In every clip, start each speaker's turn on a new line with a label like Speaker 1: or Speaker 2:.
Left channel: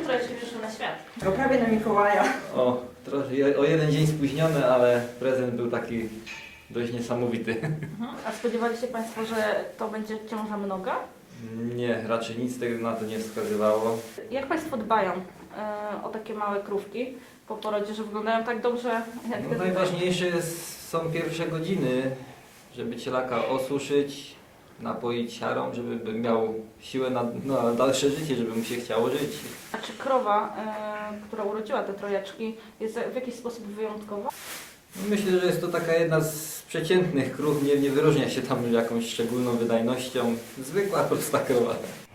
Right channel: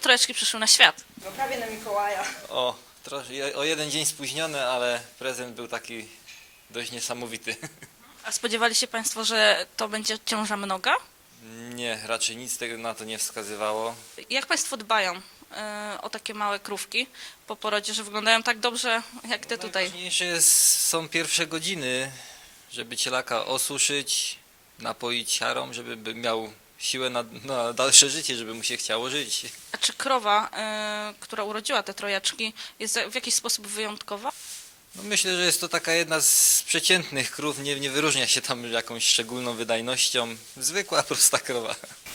Speaker 1: trojaczki przyszły na świat?
Speaker 2: To prawie na Mikołaja.
Speaker 3: O jeden dzień spóźniony, ale prezent był taki dość niesamowity.
Speaker 1: A spodziewali się Państwo, że to będzie ciąża mnoga?
Speaker 3: Nie, raczej nic tego na to nie wskazywało.
Speaker 1: Jak Państwo dbają o takie małe krówki po porodzie, że wyglądają tak dobrze jak te tutaj?
Speaker 3: Najważniejsze są pierwsze godziny, żeby cielaka osuszyć, napoić siarą, żeby miał siłę na dalsze życie, żeby mu się chciało żyć.
Speaker 1: A czy krowa, która urodziła te trojaczki, jest w jakiś sposób wyjątkowa?
Speaker 3: Myślę, że jest to taka jedna z przeciętnych krów, nie wyróżnia się tam jakąś szczególną wydajnością. Zwykła, prosta krowa.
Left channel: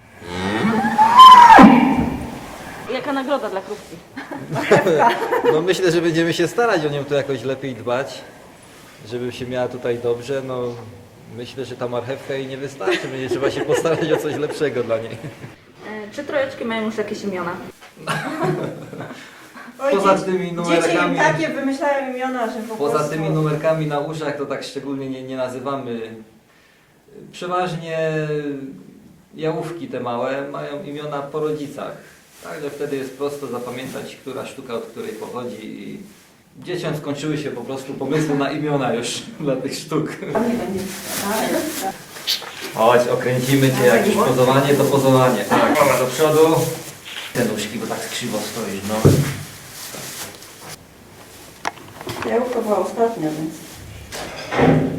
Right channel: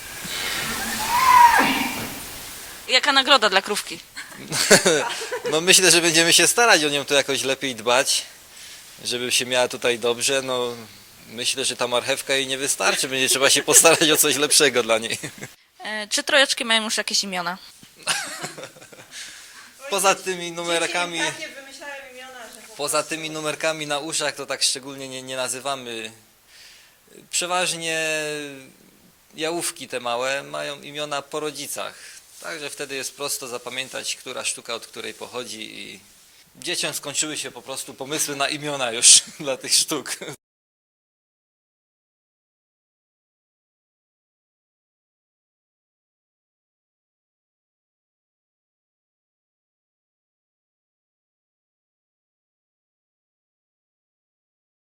Speaker 1: Jaka nagroda dla krówki?
Speaker 3: No myślę, że będziemy się starać o nią tu jakoś lepiej dbać, żeby się miała tutaj dobrze. No myślę, że ta marchewka jej nie wystarczy, będzie trzeba się postarać o coś lepszego dla niej.
Speaker 1: Czy trojaczki mają już jakieś imiona?
Speaker 2: Oj,
Speaker 3: Poza tymi numerkami,
Speaker 2: dzieci takie wymyślają imiona, że po
Speaker 3: poza
Speaker 2: prostu...
Speaker 3: tymi numerkami na uszach to tak szczególnie nie nazywamy. Przeważnie jałówki te małe mają imiona po rodzicach. Także wtedy jest prosto zapamiętać, która sztuka od której pochodzi i dzieciom skończyły się po prostu pomysły na imiona już dla tych sztuk.
Speaker 4: Chodź, okręcimy cię, jak już pozowanie, to pozowanie. Tak, dobra, do przodu. Te nóżki, bo tak krzywo stoisz, no.
Speaker 2: Jałówka była ostatnia, więc...